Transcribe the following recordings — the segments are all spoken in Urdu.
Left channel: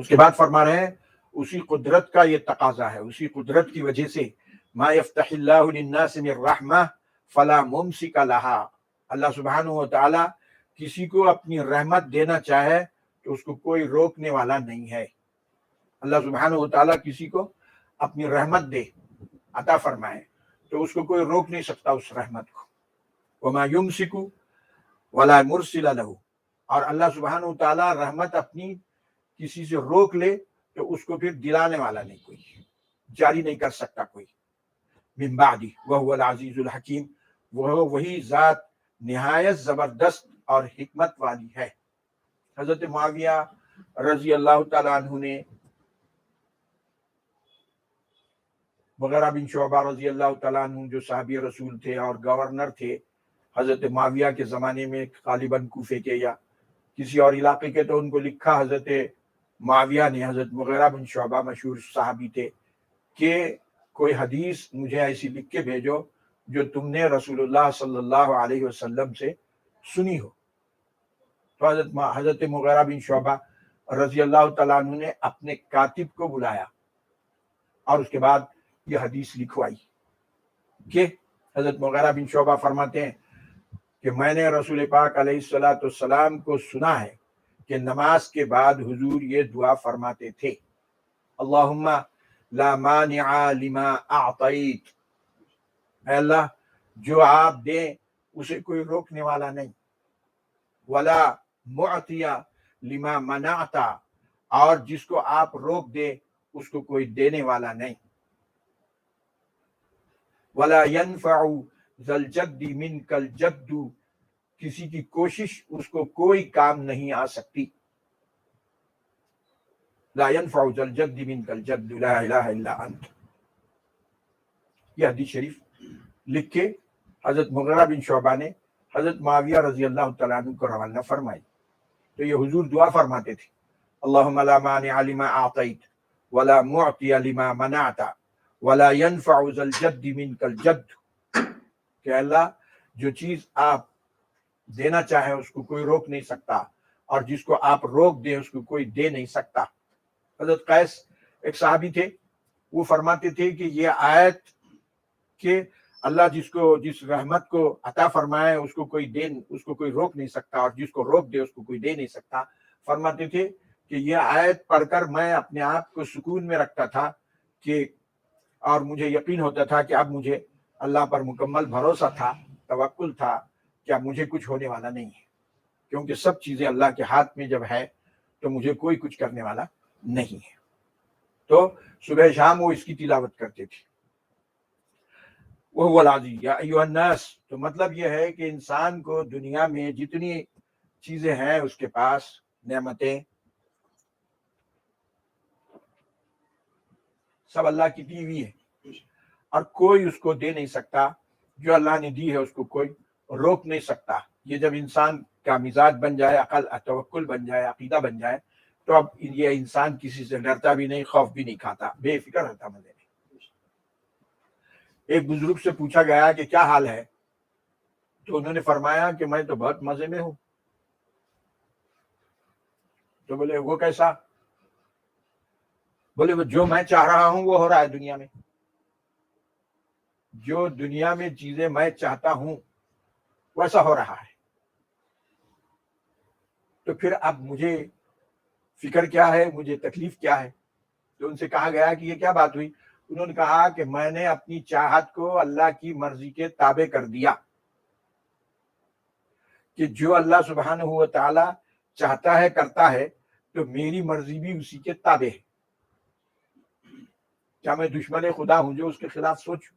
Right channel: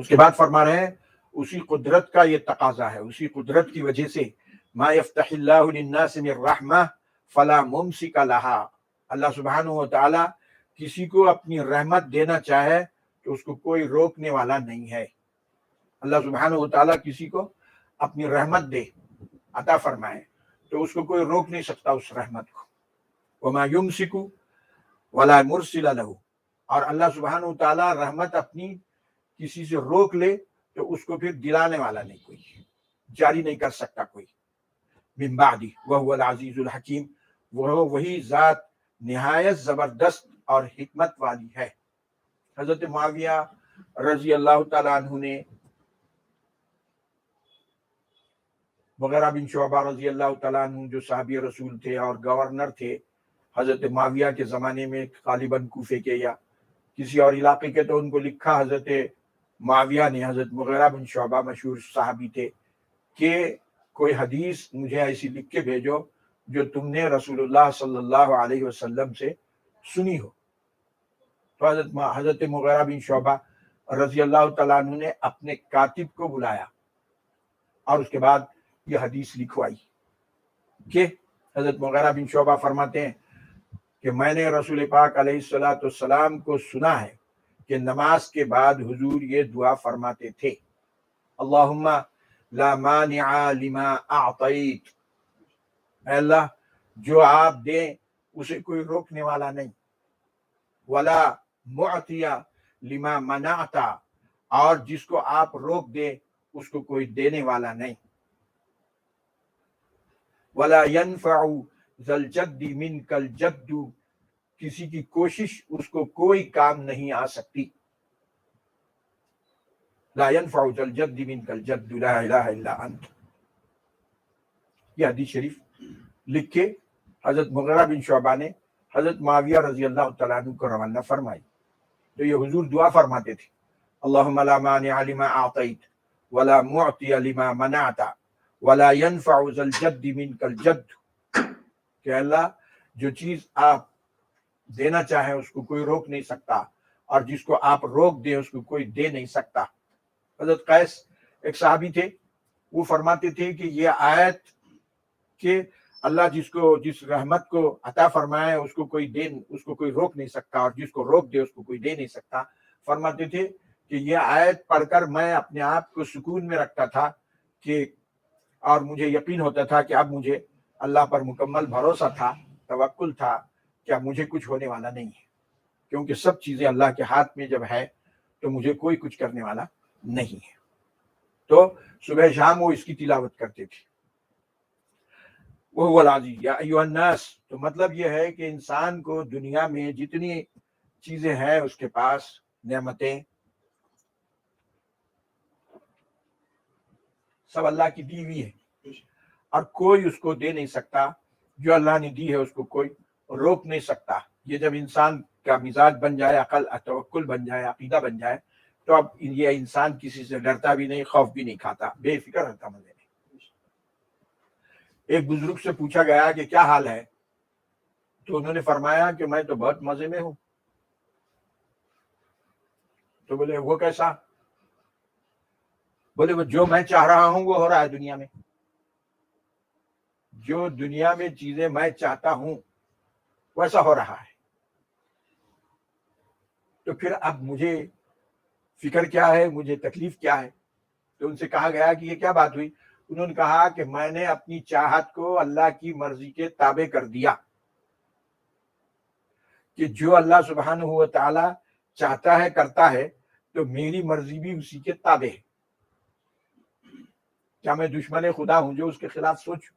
اس کے بعد فرما رہے ہیں اسی قدرت کا یہ تقاضا ہے، اسی قدرت کی وجہ سے ما یفتح اللہ للناس من رحمہ فلا ممسک لہا، اللہ سبحانہ و تعالی کسی کو اپنی رحمت دینا چاہے تو اس کو کوئی روکنے والا نہیں ہے۔ اللہ سبحانہ و تعالی کسی کو اپنی رحمت دے، عطا فرمائے، تو اس کو کوئی روک نہیں سکتا اس رحمت کو۔ وما یمسک ولا مرسل لہ، اور اللہ سبحانہ و تعالی رحمت اپنی کسی سے روک لے تو اس کو پھر دلانے والا نہیں کوئی، جاری نہیں کر سکتا کوئی۔ من بعد وهو العزیز الحکیم، وہ وہی ذات نہایت زبردست اور حکمت والی ہے۔ حضرت معاویہ رضی اللہ تعالیٰ عنہ نے مغیرہ بن شعبہ رضی اللہ تعالیٰ عنہ جو صحابی رسول تھے اور گورنر تھے حضرت معاویہ کے زمانے میں، غالباً کوفے کے یا کسی اور علاقے کے، تو ان کو لکھا حضرت معاویہ نے، حضرت مغیرہ بن شعبہ مشہور صحابی تھے، کہ کوئی حدیث مجھے ایسی لکھ کے بھیجو جو تم نے رسول اللہ صلی اللہ علیہ وسلم سے سنی ہو۔ تو حضرت مغیرہ بن شعبہ رضی اللہ تعالیٰ عنہ نے اپنے کاتب کو بلایا اور اس کے بعد یہ حدیث لکھوائی کہ حضرت مغیرہ بن شعبہ فرماتے ہیں کہ میں نے رسول پاک علیہ الصلوۃ والسلام کو سنا ہے کہ نماز کے بعد حضور یہ دعا فرماتے تھے، اللہم لا مانع لما اعطیت، اے اللہ جو آپ دیں اسے کوئی روکنے والا نہیں، ولا معطی لما منعت، اور جس کو آپ روک دے اس کو کوئی دینے والا نہیں، ولا ينفع ذا الجد منک الجد، کسی کی کوشش اس کو کوئی کام نہیں آ سکتی، لا ينفع ذا الجد منک الجد لا الہ الا انت۔ یہ حدیث شریف لکھ کے حضرت مغیرہ بن شعبہ نے حضرت معاویہ رضی اللہ تعالیٰ عنہ کو روانہ فرمائی۔ تو یہ حضور دعا فرماتے تھے، اللہم لا مانع لما اعطیت ولا معطی لما منعت ولا ينفع ذا الجد منک الجد، کہ اللہ جو چیز آپ دینا چاہیں اس کو کوئی روک نہیں سکتا، اور جس کو آپ روک دیں اس کو کوئی دے نہیں سکتا۔ حضرت قیس ایک صحابی تھے، وہ فرماتے تھے کہ یہ آیت کہ اللہ جس رحمت کو عطا فرمائے اس کو کوئی روک نہیں سکتا، اور جس کو روک دے اس کو کوئی دے نہیں سکتا، فرماتے تھے کہ یہ آیت پڑھ کر میں اپنے آپ کو سکون میں رکھتا تھا کہ، اور مجھے یقین ہوتا تھا کہ اب مجھے اللہ پر مکمل بھروسہ تھا، توکل تھا کہ اب مجھے کچھ ہونے والا نہیں ہے، کیونکہ سب چیزیں اللہ کے ہاتھ میں جب ہے تو مجھے کوئی کچھ کرنے والا نہیں ہے۔ تو صبح شام وہ اس کی تلاوت کرتے تھے، وہ العزیز یا ایھا الناس۔ تو مطلب یہ ہے کہ انسان کو دنیا میں جتنی چیزیں ہیں اس کے پاس، نعمتیں، سب اللہ کی دی ہوئی ہے، اور کوئی اس کو دے نہیں سکتا، جو اللہ نے دی ہے اس کو کوئی روک نہیں سکتا۔ یہ جب انسان کا مزاج بن جائے، عقل توکل بن جائے، عقیدہ بن جائے، تو اب یہ انسان کسی سے ڈرتا بھی نہیں، خوف بھی نہیں کھاتا، بے فکر رہتا مزے میں۔ ایک بزرگ سے پوچھا گیا کہ کیا حال ہے، تو انہوں نے فرمایا کہ میں تو بہت مزے میں ہوں۔ تو بولے وہ کیسا؟ بولے وہ جو میں چاہ رہا ہوں وہ ہو رہا ہے دنیا میں، جو دنیا میں چیزیں میں چاہتا ہوں ویسا ہو رہا ہے، تو پھر اب مجھے فکر کیا ہے، مجھے تکلیف کیا ہے؟ تو ان سے کہا گیا کہ یہ کیا بات ہوئی؟ انہوں نے کہا کہ میں نے اپنی چاہت کو اللہ کی مرضی کے تابع کر دیا، کہ جو اللہ سبحانہ و تعالی چاہتا ہے کرتا ہے، تو میری مرضی بھی اسی کے تابع ہے۔ کیا میں دشمن خدا ہوں جو اس کے خلاف سوچوں؟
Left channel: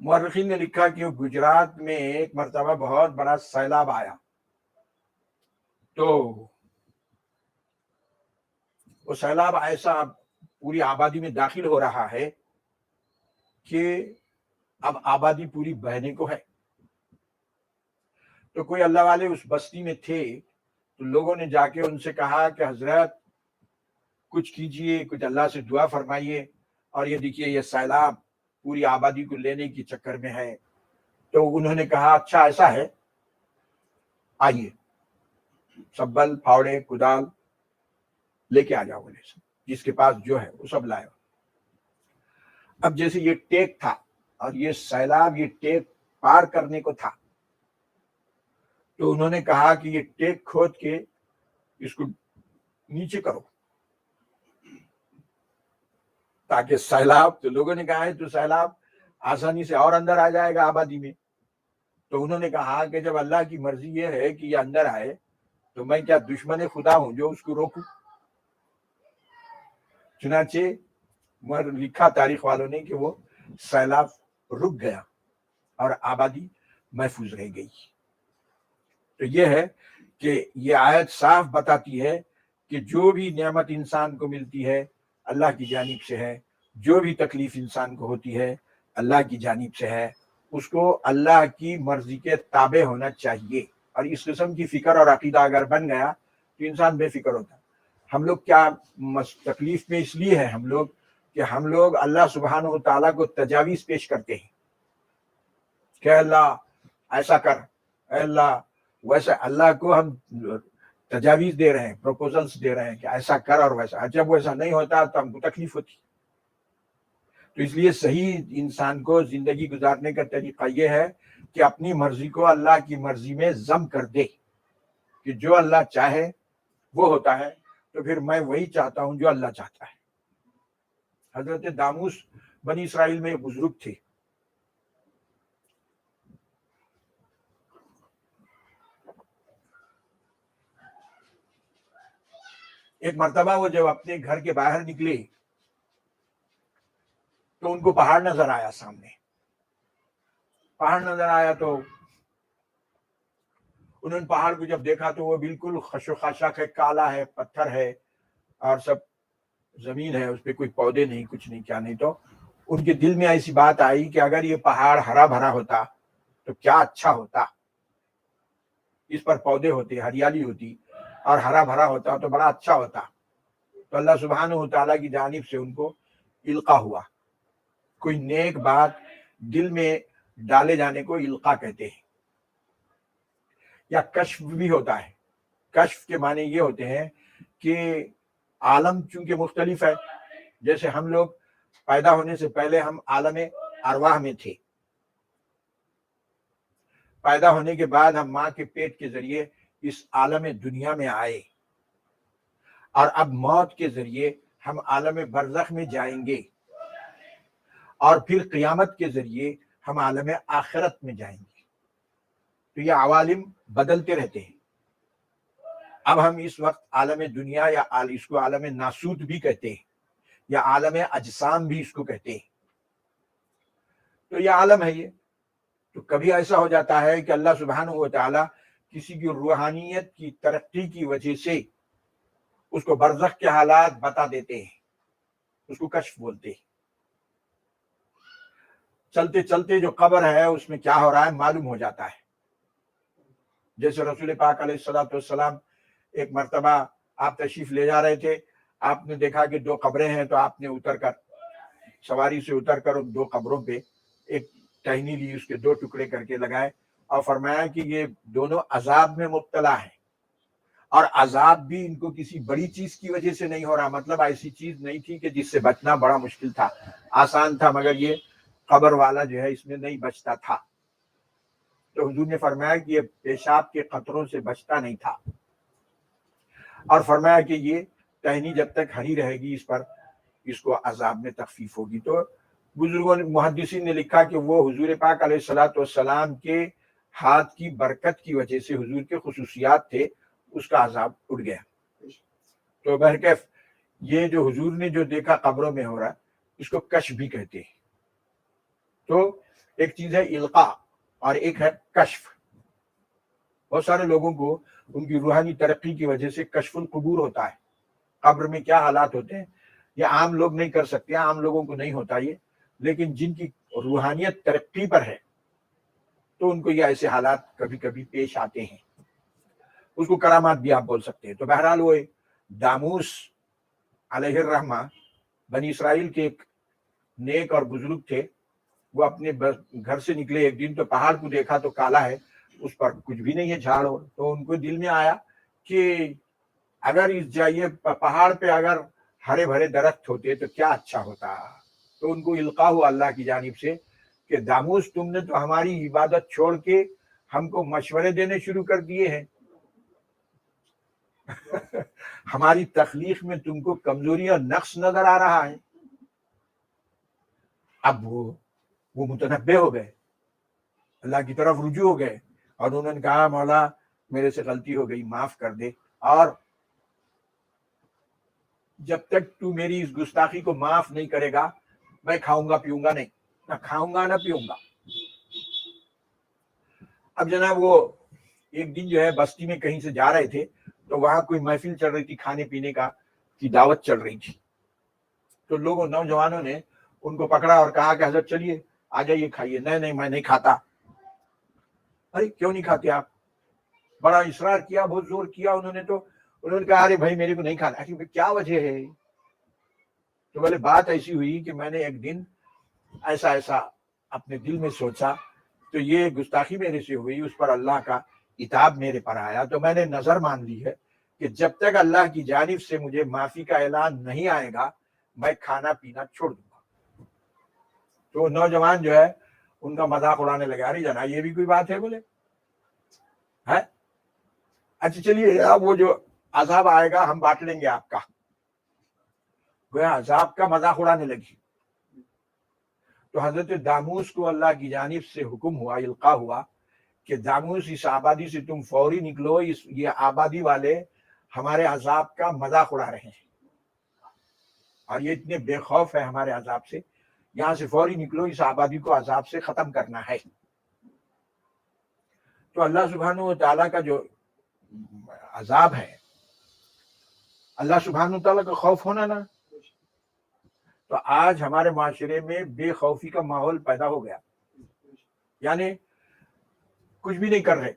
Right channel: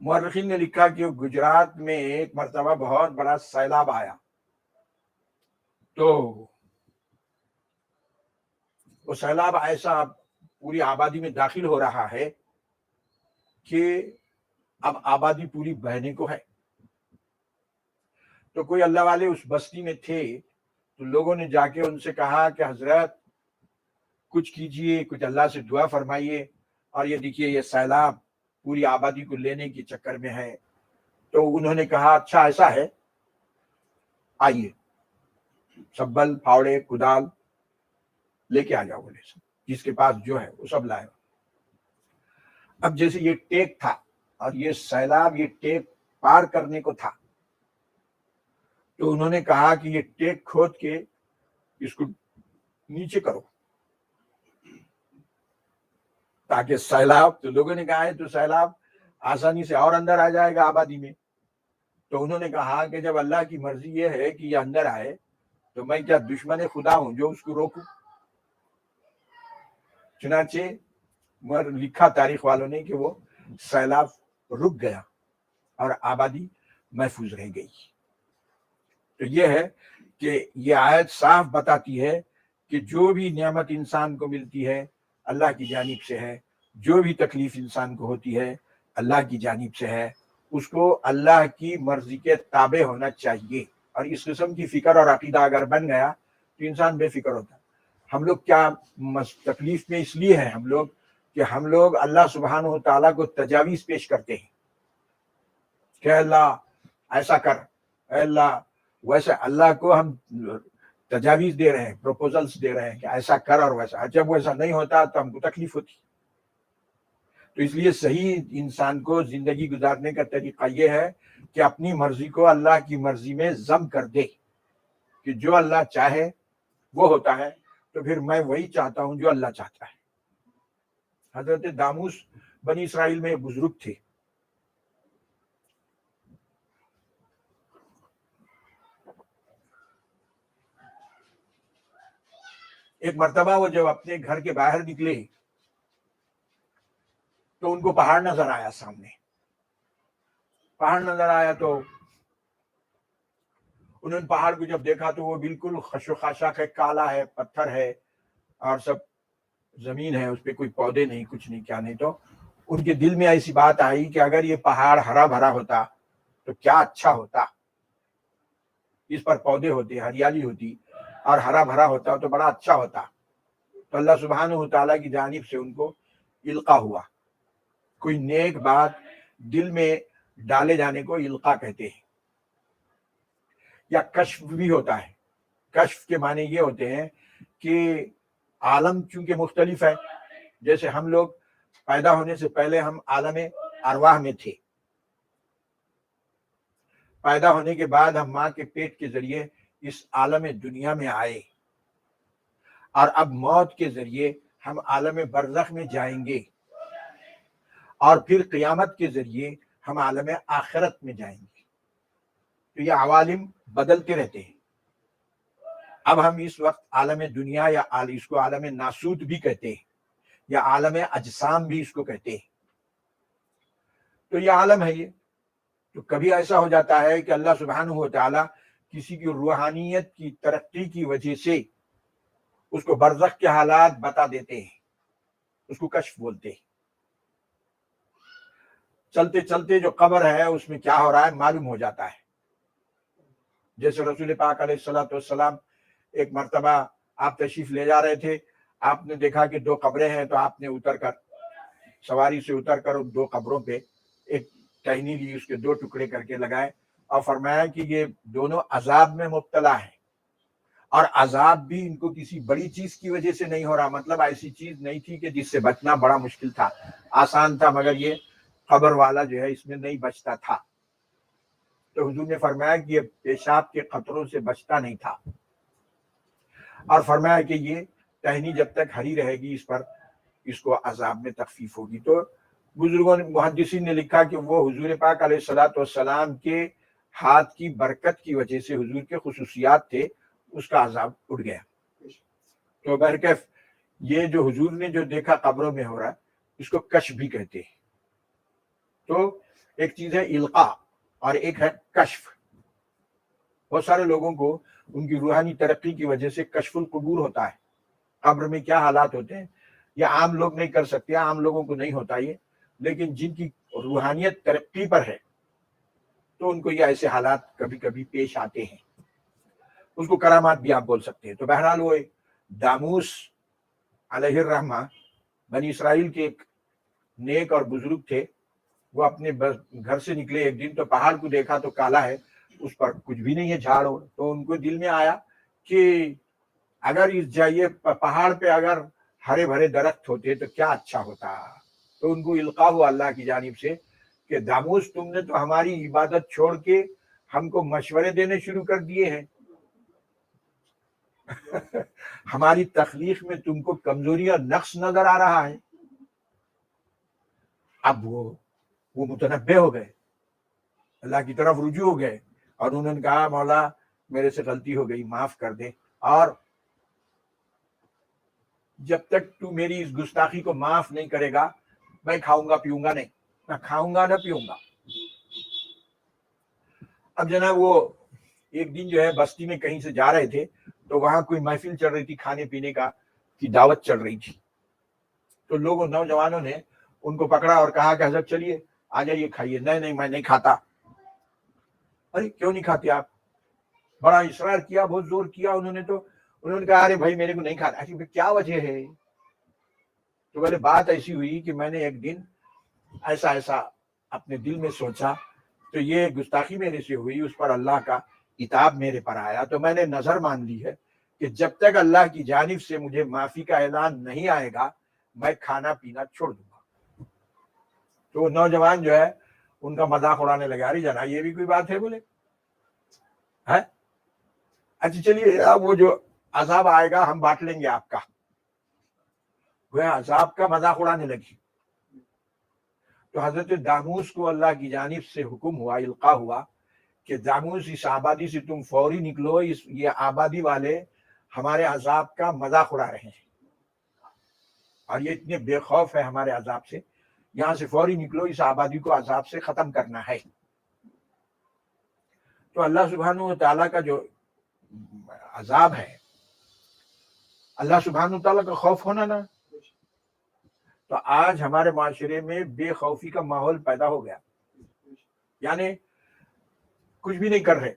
مورخین نے لکھا کہ گجرات میں ایک مرتبہ بہت بڑا سیلاب آیا، تو وہ سیلاب ایسا پوری آبادی میں داخل ہو رہا ہے کہ اب آبادی پوری بہنے کو ہے۔ تو کوئی اللہ والے اس بستی میں تھے، تو لوگوں نے جا کے ان سے کہا کہ حضرت کچھ کیجئے، کچھ اللہ سے دعا فرمائیے، اور یہ دیکھیے یہ سیلاب پوری آبادی کو لینے کے چکر میں ہے۔ تو انہوں نے کہا اچھا ایسا ہے، آئیے، سبل، پھاوڑے، کدال لے کے آ جاؤ بولے سب، جس کے پاس جو ہے وہ سب لائے۔ اب جیسے یہ ٹیک تھا اور یہ سیلاب یہ ٹیک پار کرنے کو تھا، تو انہوں نے کہا کہ یہ ٹیک کھود کے اس کو نیچے کرو تاکہ سیلاب، تو لوگوں نے کہا ہے تو سیلاب آسانی سے اور اندر آ جائے گا آبادی میں۔ تو انہوں نے کہا کہ جب اللہ کی مرضی یہ ہے کہ یہ اندر آئے تو میں کیا دشمن خدا ہوں جو اس کو روکوں؟ چنانچہ لکھا تاریخ والوں نے کہ وہ سیلاب رک گیا اور آبادی محفوظ رہ گئی۔ تو یہ ہے کہ یہ آیت صاف بتاتی ہے کہ جو بھی نعمت انسان کو ملتی ہے اللہ کی جانب سے ہے، جو بھی تکلیف انسان کو ہوتی ہے اللہ کی جانب سے ہے، اس کو اللہ کی مرضی کے تابع ہونا چاہیے۔ اور اس قسم کی فکر اور عقیدہ اگر بن گیا تو انسان بے فکر ہوتا ہے۔ ہم لوگ کیا تکلیف میں اس لیے ہے ہم لوگ کہ ہم لوگ اللہ سبحانہ و تعالیٰ کو تجاویز پیش کرتے ہیں کہ اللہ ایسا کر، اے اللہ ویسا، اللہ کو ہم تجاویز دے رہے ہیں، پروپوزلز دے رہے ہیں کہ ایسا کر اور ویسا، جب ویسا نہیں ہوتا تو ہم کو تکلیف ہوتی۔ تو اس لیے صحیح انسان کو زندگی گزارنے کا طریقہ یہ ہے کہ اپنی مرضی کو اللہ کی مرضی میں ضم کر دے کہ جو اللہ چاہے وہ ہوتا ہے، تو پھر میں وہی چاہتا ہوں جو اللہ چاہتا ہے۔ حضرت داموس بنی اسرائیل میں ایک بزرگ تھے، ایک مرتبہ وہ جب اپنے گھر کے باہر نکلے تو ان کو پہاڑ نظر آیا، سامنے پہاڑ نظر آیا، تو انہوں نے پہاڑ کو جب دیکھا تو وہ بالکل خشخاشاک ہے، کالا ہے، پتھر ہے اور سب زمین ہے، اس پہ کوئی پودے نہیں، کچھ نہیں، کیا نہیں۔ تو ان کے دل میں ایسی بات آئی کہ اگر یہ پہاڑ ہرا بھرا ہوتا تو کیا اچھا ہوتا، اس پر پودے ہوتے، ہریالی ہوتی اور ہرا بھرا ہوتا تو بڑا اچھا ہوتا۔ تو اللہ سبحانہ و تعالیٰ کی جانب سے ان کو القا ہوا، کوئی نیک بات دل میں ڈالے جانے کو القا کہتے ہیں، یا کشف بھی ہوتا ہے۔ کشف کے معنی یہ ہوتے ہیں کہ عالم چونکہ مختلف ہے، جیسے ہم لوگ پیدا ہونے سے پہلے ہم عالم ارواح میں تھے، پیدا ہونے کے بعد ہم ماں کے پیٹ کے ذریعے اس عالم دنیا میں آئے، اور اب موت کے ذریعے ہم عالم برزخ میں جائیں گے، اور پھر قیامت کے ذریعے ہم عالم آخرت میں جائیں گے۔ تو یہ عوالم بدلتے رہتے ہیں۔ اب ہم اس وقت عالم دنیا، یا اس کو عالم ناسوت بھی کہتے ہیں، یا عالم اجسام بھی اس کو کہتے ہیں۔ تو یہ عالم ہے یہ۔ تو کبھی ایسا ہو جاتا ہے کہ اللہ سبحانہ و تعالیٰ کسی کی روحانیت کی ترقی کی وجہ سے اس کو برزخ کے حالات بتا دیتے ہیں، اس کو کشف بولتے ہیں۔ چلتے چلتے جو قبر ہے اس میں کیا ہو رہا ہے معلوم ہو جاتا ہے۔ جیسے رسول پاک علیہ الصلوۃ والسلام ایک مرتبہ آپ تشریف لے جا رہے تھے، آپ نے دیکھا کہ دو قبریں ہیں، تو آپ نے اتر کر، سواری سے اتر کر ان دو قبروں پہ ایک ٹہنی لی، اس کے دو ٹکڑے کر کے لگائے، اور فرمایا کہ یہ دونوں عذاب میں مبتلا ہیں، اور عذاب بھی ان کو کسی بڑی چیز کی وجہ سے نہیں ہو رہا، مطلب ایسی چیز نہیں تھی کہ جس سے بچنا بڑا مشکل تھا، آسان تھا، مگر یہ قبر والا جو ہے اس میں نہیں بچتا تھا۔ تو حضور نے فرمایا کہ یہ پیشاب کے قطروں سے بچتا نہیں تھا، اور فرمایا کہ یہ ٹہنی جب تک ہری رہے گی اس پر، اس کو عذاب میں تخفیف ہوگی۔ تو بزرگوں نے، محدثین نے لکھا کہ وہ حضور پاک علیہ الصلوۃ والسلام کے ہاتھ کی برکت کی وجہ سے، حضور کے خصوصیات تھے، اس کا عذاب اٹھ گیا۔ تو بہرکیف یہ جو حضور نے جو دیکھا قبروں میں ہو رہا، اس کو کشف بھی کہتے ہیں۔ تو ایک چیز ہے القا اور ایک ہے کشف۔ بہت سارے لوگوں کو ان کی روحانی ترقی کی وجہ سے کشف القبور ہوتا ہے، قبر میں کیا حالات ہوتے ہیں یہ عام لوگ نہیں کر سکتے، عام لوگوں کو نہیں ہوتا یہ، لیکن جن کی روحانیت ترقی پر ہے تو ان کو یہ ایسے حالات کبھی کبھی پیش آتے ہیں، اس کو کرامات بھی آپ بول سکتے ہیں۔ تو بہرحال وہ داموس علیہ الرحمہ بنی اسرائیل کے ایک نیک اور بزرگ تھے، وہ اپنے گھر سے نکلے ایک دن، تو پہاڑ کو دیکھا تو کالا ہے، اس پر کچھ بھی نہیں ہے، جھاڑ ہو، تو ان کو دل میں آیا کہ اگر اس جائے پہاڑ پہ اگر ہرے بھرے درخت ہوتے تو کیا اچھا ہوتا. تو ان کو القاء ہوا اللہ کی جانب سے کہ داموس تم نے تو ہماری عبادت چھوڑ کے ہم کو مشورے دینے شروع کر دیے ہیں. ہماری تخلیق میں تم کو کمزوری اور نقص نظر آ رہا ہے. اب وہ متنبہ ہو گئے, اللہ کی طرف رجوع ہو گئے اور انہوں نے کہا مولا میرے سے غلطی ہو گئی, معاف کر دے, اور جب تک تو میری اس گستاخی کو معاف نہیں کرے گا میں کھاؤں گا پیوں گا نہیں, نہ کھاؤں گا نہ پیوں گا. اب جناب وہ ایک دن جو ہے بستی میں کہیں سے جا رہے تھے تو وہاں کوئی محفل چل رہی تھی, کھانے پینے کا کی دعوت چل رہی تھی. تو لوگوں نوجوانوں نے ان کو پکڑا اور کہا کہ حضرت چلیے آ جائیے کھائیے. نہیں میں نہیں کھاتا. ارے کیوں نہیں کھاتے آپ؟ بڑا اصرار کیا, بہت زور کیا انہوں نے. تو انہوں نے کہا ارے بھائی میرے کو نہیں کھانا. کیا وجہ ہے؟ تو بولے بات ایسی ہوئی کہ میں نے ایک دن ایسا اپنے دل میں سوچا تو یہ گستاخی میرے سے ہوئی, اس پر اللہ کا عتاب میرے پر آیا, تو میں نے نظر مان لی ہے کہ جب تک اللہ کی جانب سے مجھے معافی کا اعلان نہیں آئے گا میں کھانا پینا چھوڑ دوں گا. تو نوجوان جو ہے ان کا مذاق اڑانے لگا, ارے جناب یہ بھی کوئی بات ہے؟ بولے اچھا چلیے اب وہ جو عذاب آئے گا ہم بانٹ لیں گے آپ کا. وہ عذاب کا مذاق اڑانے لگی. تو حضرت داموس کو اللہ کی جانب سے حکم ہوا, القاء ہوا کہ داموس اس آبادی سے تم فوری نکلو, یہ آبادی والے ہمارے عذاب کا مذاق اڑا رہے ہیں اور یہ اتنے بے خوف ہے ہمارے عذاب سے, یہاں سے فوری نکلو, اس آبادی کو عذاب سے ختم کرنا ہے. تو اللہ سبحانہ و تعالیٰ کا جو عذاب ہے, اللہ سبحانہ و تعالیٰ کا خوف ہونا نا. تو آج ہمارے معاشرے میں بے خوفی کا ماحول پیدا ہو گیا, یعنی کچھ بھی نہیں کر رہے,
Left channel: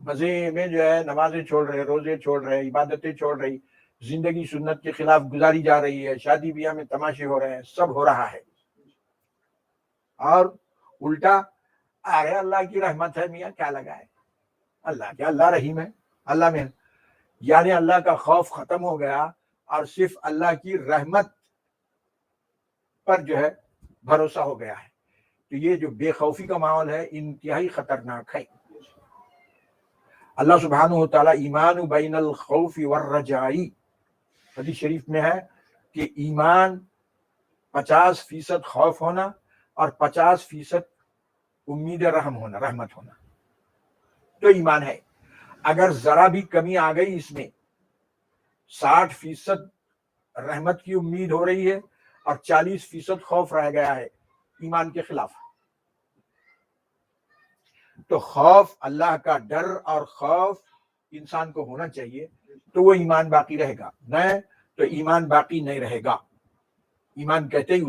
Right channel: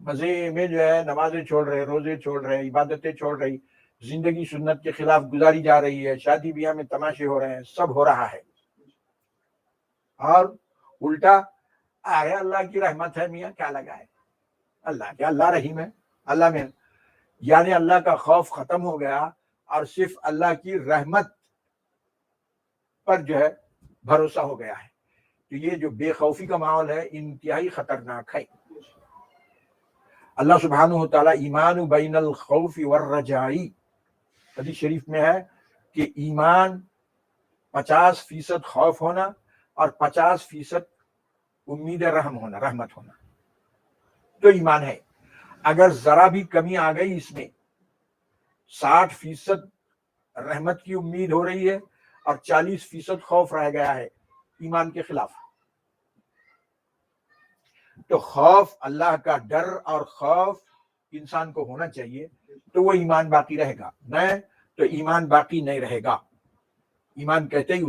مزے میں جو ہے نمازیں چھوڑ رہے, روزے چھوڑ رہے, عبادتیں چھوڑ رہی, زندگی سنت کے خلاف گزاری جا رہی ہے, شادی بیاہ میں تماشے ہو رہے ہیں, سب ہو رہا ہے. اور الٹا ارے اللہ کی رحمت ہے میاں کیا لگا ہے, اللہ رحیم ہے, اللہ میں, یعنی اللہ کا خوف ختم ہو گیا اور صرف اللہ کی رحمت پر جو ہے بھروسہ ہو گیا ہے. تو یہ جو بے خوفی کا ماحول ہے انتہائی خطرناک ہے. اللہ سبحانہ و تعالیٰ ایمان بین الخوف والرجائی, حدیث شریف میں ہے کہ ایمان 50% خوف ہونا اور 50% امید رحمت ہونا تو ایمان ہے. اگر ذرا بھی کمی آ گئی اس میں 60% رحمت کی امید ہو رہی ہے اور 40% خوف رہ گیا ہے ایمان کے خلاف. تو خوف, اللہ کا ڈر اور خوف انسان کو ہونا چاہیے تو وہ ایمان باقی رہے گا, نہیں تو ایمان باقی نہیں رہے گا. ایمان کہتے ہی